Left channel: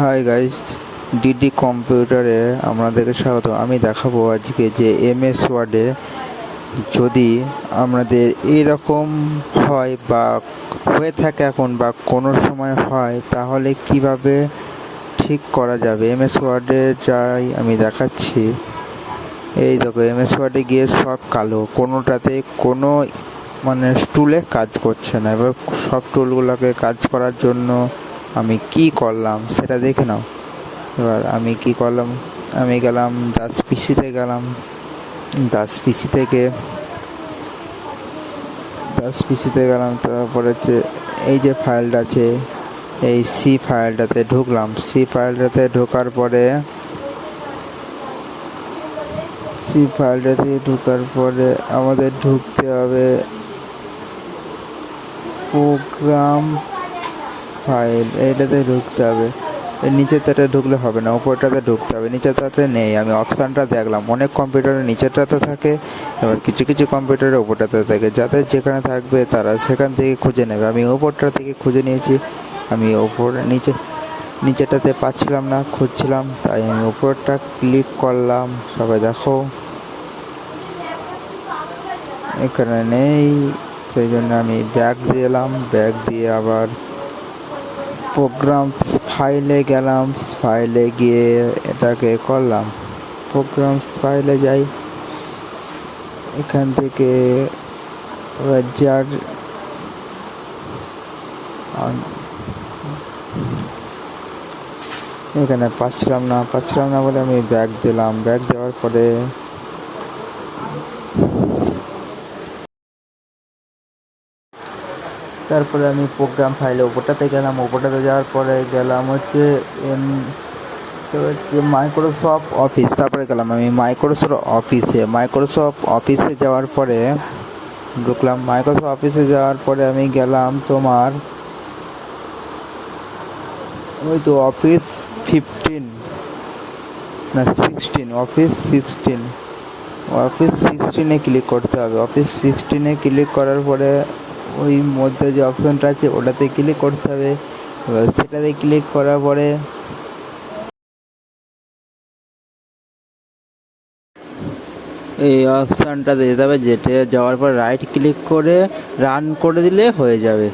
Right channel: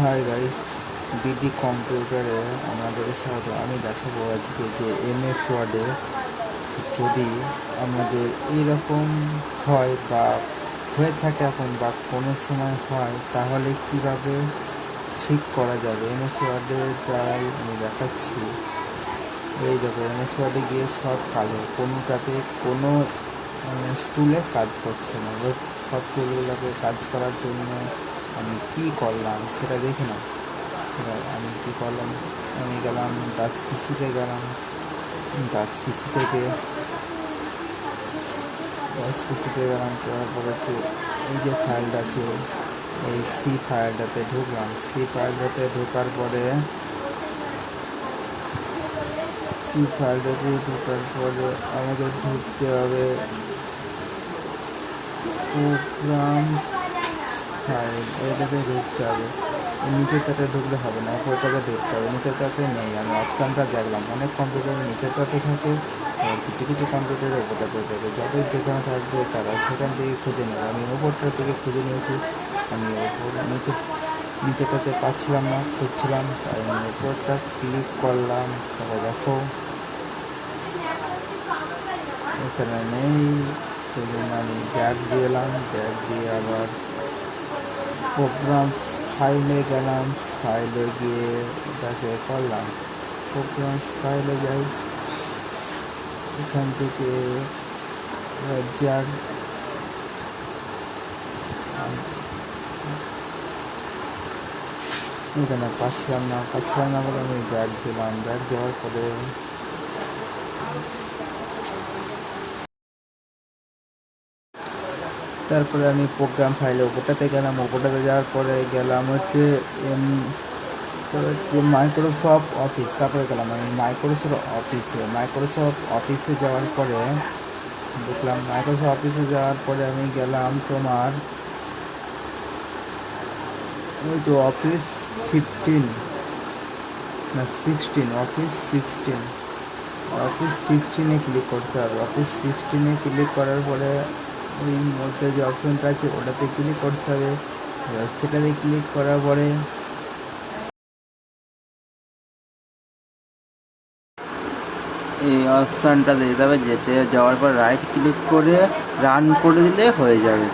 Hi guys, DD কম্পিউটারে আপনাদেরকে স্বাগত। আমি দেখাবো আজকে যে এমএস ওয়ার্ডে যদি আমাদের এইরকম হয় বা হয়ে থাকে এখন বা কোনো সময় হয়, তাহলে কিভাবে ঠিক করা যাবে। এমএস ওয়ার্ডে যাই আমি দেখাচ্ছি। এই দেখো, এমএস ওয়ার্ডে গিয়ে সব কালো, কোনোটাতে কোনো টুলে কাজ করছে না। এবার সব টুলগুলোকে কাজ করার জন্য আমি কি করলাম সেটা দেখে নাও। এবার আমি কি করলাম, আমি গেলাম দাস পিসিতে গেলাম। দাস পিসিতে গেলাম, তারপরে হচ্ছে এই যে ফাইলটা আছে, এই সি ফাইলটাতে ঢুকলাম। সি ফাইলটাতে ঢোকার পরে আমাদের ঢুকতে হবে প্রোগ্রাম ফাইল, এইটাতে ঢুকতে হবে। এর নিচেরটাতে ঢুকলে হবে না, উপরটাতে ঢুকতে হবে। নিচেরটাতে নেই, আমি অপশানটা দেখলাম। অনেক কম্পিউটারের নিচেরটাতে থাকে, এবার কিছু কিছু কম্পিউটারের উপরটাতে থাকে। যাদের যেখানে থাকবে তারা সেখান থেকে খুঁজে নেবে। আমি ওপরটা থেকে খুঁজে নিয়েছি। আমি নিচেরটাতে পাচ্ছিলাম না, খুঁজছিলাম, তাই আমি উপরটা ক্লিক করলাম। সবাই দেখো এখানে নেই, সেই জন্য আমি ব্যাক দিয়ে এলাম। ব্যাক দিয়ে আবার প্রোগ্রাম ফাইলে গেলাম। ফাইলে গিয়ে এটাকে করলাম, প্রোগ্রামস ফাইলে যাই। এখান থেকে যার এখানে পাচ্ছিলাম না বলে আমি ব্যাক দিলাম। ব্যাক দেওয়ার পরে তারপরে আমি প্রোগ্রাম ফাইলে ওপরটাতে গেলাম। ওপরটাতে যাওয়ার পরে গেলাম হচ্ছে তো হচ্ছে মাইক্রোসফট অফিস। তারপরে গেলাম আমি মাইক্রোসফট অফিসে যাওয়ার পরে ঢুকলাম। মাইক্রোসফট অফিসে যাওয়ার পরে আমি গেলাম তোমার ওই তো অফিস 15 না 16, অফিস 16 ক্লিক করতে হবে। অফিস 16 ক্লিক করার পরে ওই মধ্যে যে অপশনটা আছে ওটাতে ক্লিক করতে হবে। এবার সেটাতে ক্লিক করার পরে এই অপশানটাতে যেতে হবে, যেতে যাওয়ার পর রাইট ক্লিক করে রান করে দিলে হয়ে যাবে।